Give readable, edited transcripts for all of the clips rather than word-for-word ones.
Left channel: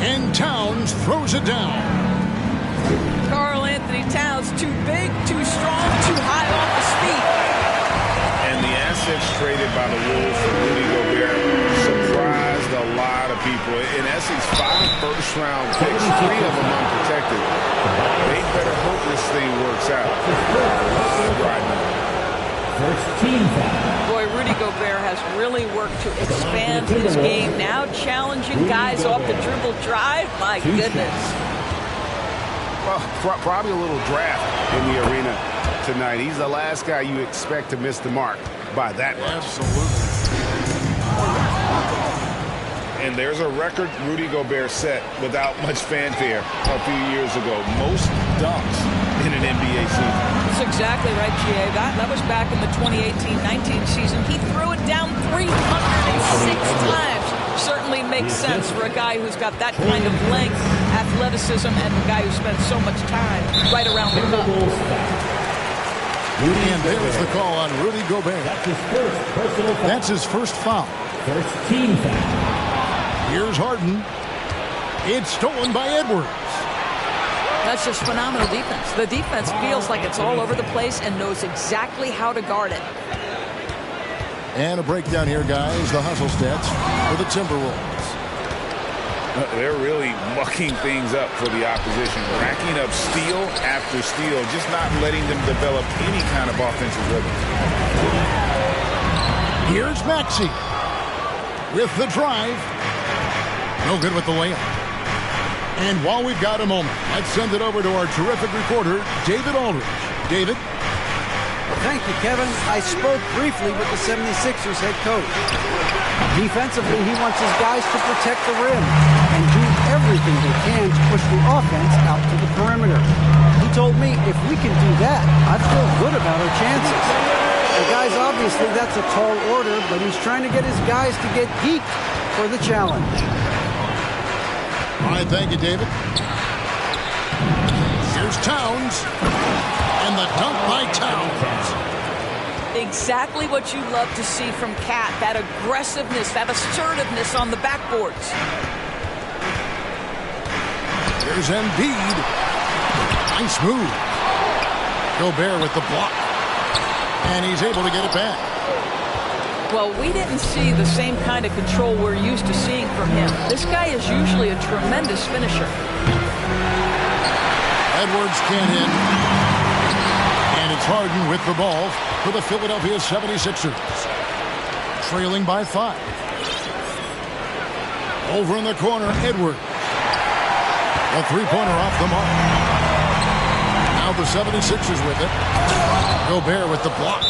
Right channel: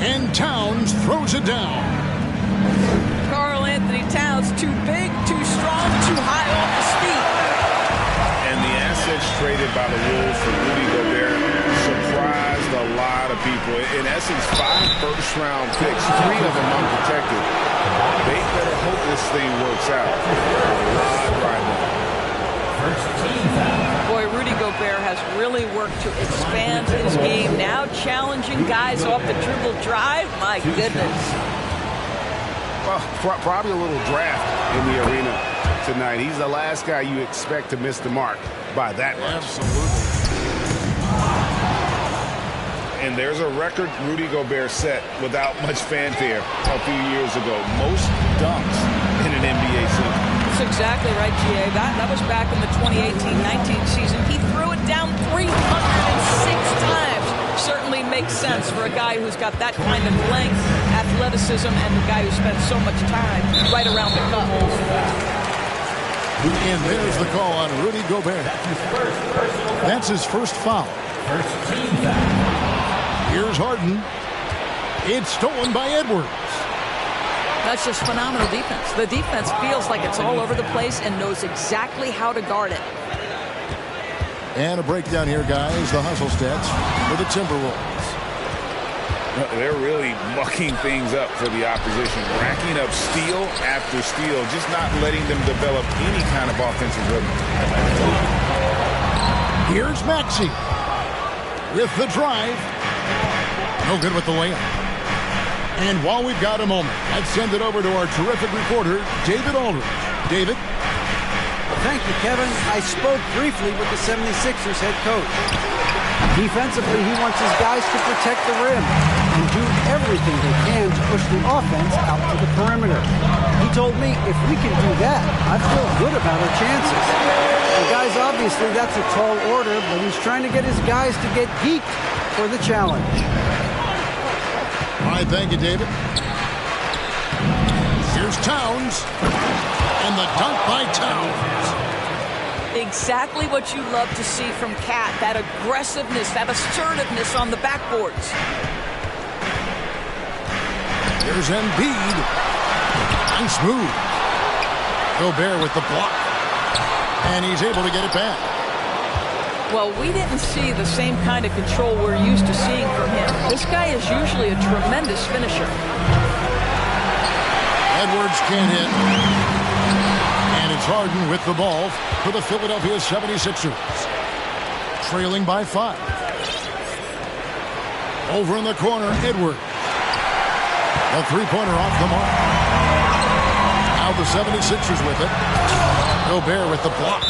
And Towns throws it down. Karl-Anthony Towns, too big, too strong, too high off his feet. And the assets traded by the Wolves for Rudy Gobert surprised a lot of people. In essence, 5 first-round picks, 3 of them unprotected. They better hope this thing works out. A lot riding on it. First team foul. Boy, Rudy Gobert has really worked to expand his game. Now challenging guys off the dribble drive. My goodness. Well, probably a little draft in the arena tonight. He's the last guy you expect to miss the mark by that much. Absolutely. And there's a record Rudy Gobert set without much fanfare a few years ago. Most dunks in an NBA season. That's exactly right, G.A. That was back in the 2018-19 season. He threw it down 306 times. Certainly makes sense for a guy who's got that kind of length, athleticism, and the guy who spends so much time right around the cup. And there's the call on Rudy Gobert. That's his first personal foul. That's his first foul. First team foul. Here's Harden. It's stolen by Edwards. That's just phenomenal defense. The defense feels like it's all over the place and knows exactly how to guard it. And a breakdown here, guys. The hustle stats for the Timberwolves. They're really mucking things up for the opposition, racking up steal after steal, just not letting them develop any kind of offensive rhythm. Here's Maxey with the drive. No good with the layup. And while we've got a moment, let's send it over to our terrific reporter, David Aldridge. David? Thank you, Kevin. I spoke briefly with the 76ers head coach. Defensively, he wants his guys to protect the rim and do everything they can to push the offense out to the perimeter. He told me, if we can do that, I feel good about our chances. Well, guys, obviously that's a tall order, but he's trying to get his guys to get geeked for the challenge. All right, thank you, David. Here's Towns. And the dunk by Towns. Exactly what you love to see from Cat. That aggressiveness, that assertiveness on the backboards. Here's Embiid. Nice move. Gobert with the block. And he's able to get it back. Well, we didn't see the same kind of control we're used to seeing from him. This guy is usually a tremendous finisher. Edwards can't hit. And it's Harden with the ball for the Philadelphia 76ers. Trailing by 5. Over in the corner, Edwards. The three-pointer off the mark. Now the 76ers with it. Gobert with the block.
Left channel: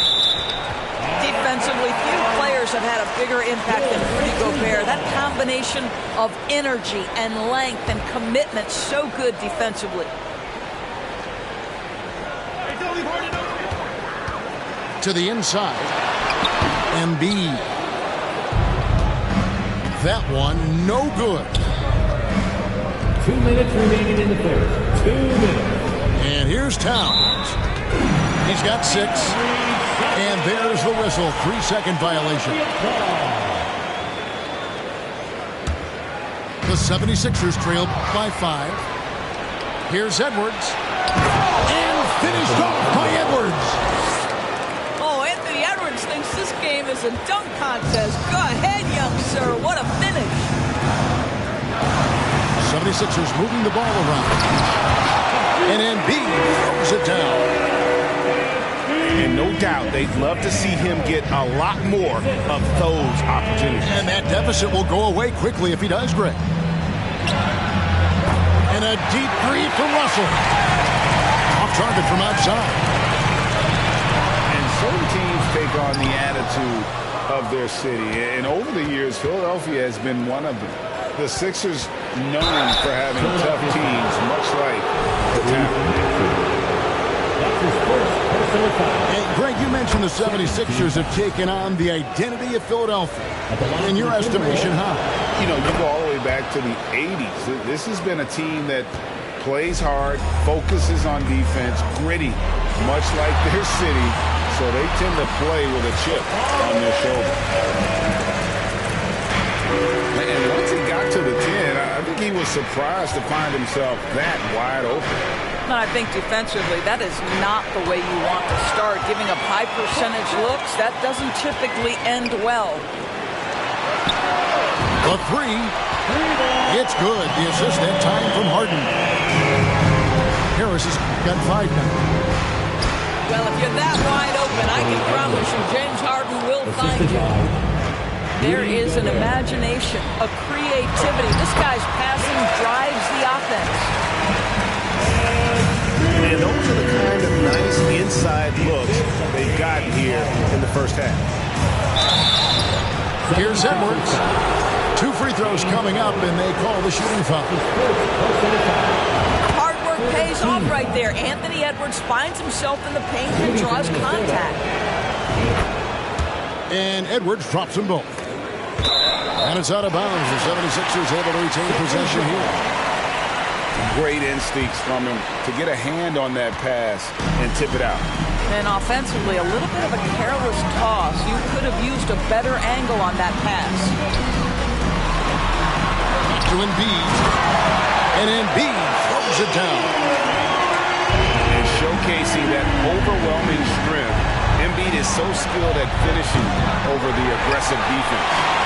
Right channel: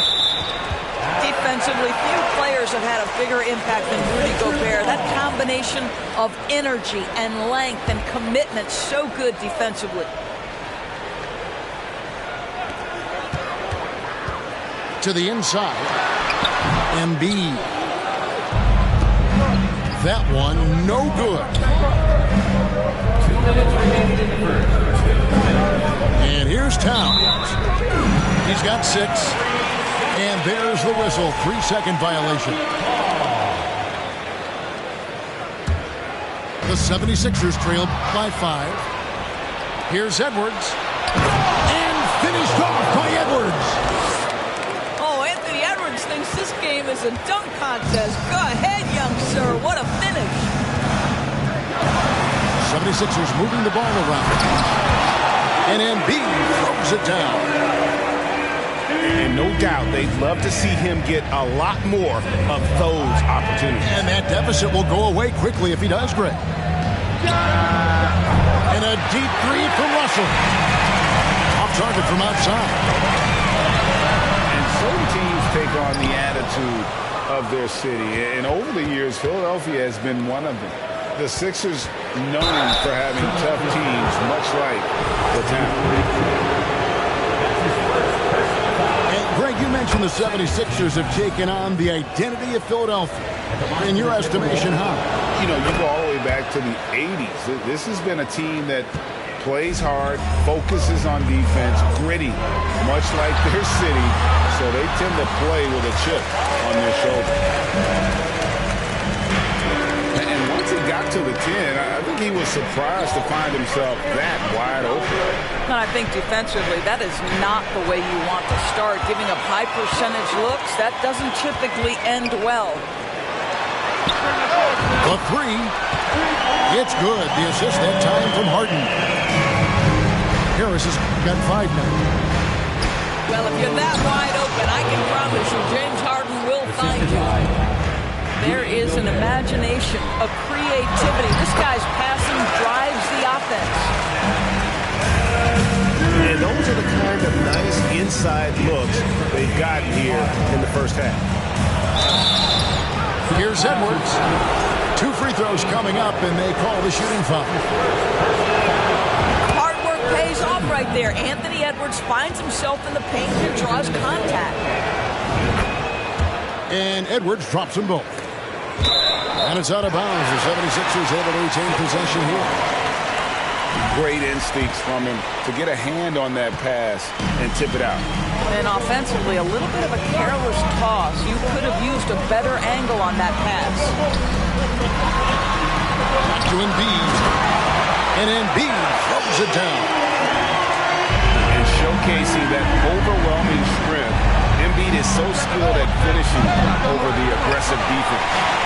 Defensively, few players have had a bigger impact than Rudy Gobert. That combination of energy and length and commitment, so good defensively. To the inside. Embiid. That one, no good. 2 minutes remaining in the first. 2 minutes. And here's Towns. He's got 6. And there's the whistle. 3-second violation. The 76ers trailed by 5. Here's Edwards. And finished off by Edwards. Oh, Anthony Edwards thinks this game is a dunk contest. Go ahead, young sir. What a finish. 76ers moving the ball around. And Embiid throws it down. And no doubt they'd love to see him get a lot more of those opportunities. And that deficit will go away quickly if he does, Greg. And a deep three from Russell. Off target from outside. And certain teams take on the attitude of their city. And over the years, Philadelphia has been one of them. The Sixers known for having tough teams, much like the town. And Greg, you mentioned the 76ers have taken on the identity of Philadelphia. In your estimation, how? You know, you go all the way back to the 80s. This has been a team that plays hard, focuses on defense, gritty, much like their city. So they tend to play with a chip on their shoulder. And once he got to the 10, I think he was surprised to find himself that wide open. And I think defensively, that is not the way you want to start. Giving up high percentage looks, that doesn't typically end well. The three. It's good. The assist that time from Harden. Harris has got 5 now. Well, if you're that wide open, I can promise you James Harden will find you. There is an imagination, a creativity. This guy's passing drives the offense. And those are the kind of nice inside looks they've gotten here in the first half. Here's Edwards. 2 free throws coming up, and they call the shooting foul. Hard work pays off right there. Anthony Edwards finds himself in the paint and draws contact. And Edwards drops them both. And it's out of bounds. The 76ers able to retain possession here. Great instincts from him to get a hand on that pass and tip it out. And offensively, a little bit of a careless toss. You could have used a better angle on that pass. Back to Embiid. And Embiid throws it down. And showcasing that overwhelming strength, Embiid is so skilled at finishing over the aggressive defense.